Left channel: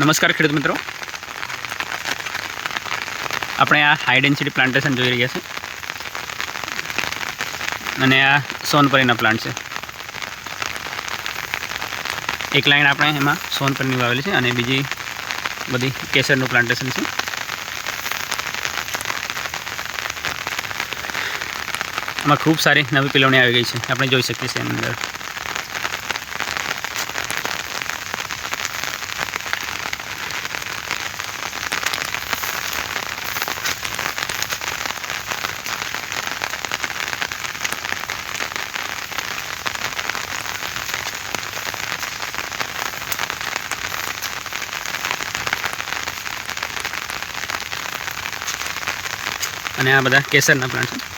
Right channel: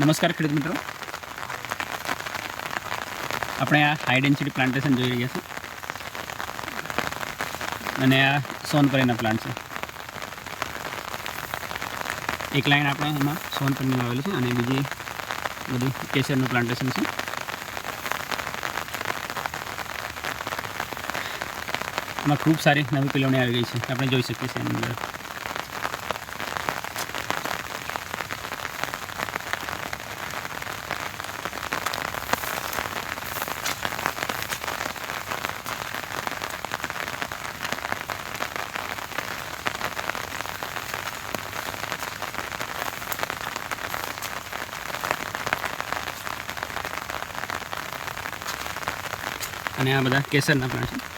નમસ્કાર ખેડૂત મિત્રો, આપણે આ હાઈ ડેન્સિટી પ્લાન્ટેશન જોઈ રહ્યા છે અને આ સોનપરીના પ્લાન્ટ છે. એક લાઈન આપણે એમાં સોનપરીની વાવેલી છે અને બીજી બધી કેસરનું પ્લાન્ટેશન છે. આમાં ખૂબ સારી નવી પિલવણી આવી ગઈ છે, આપણે જોઈ શકીએ છીએ એની અંદર. અને આ બધા કેસરના પ્લાન્ટ છે.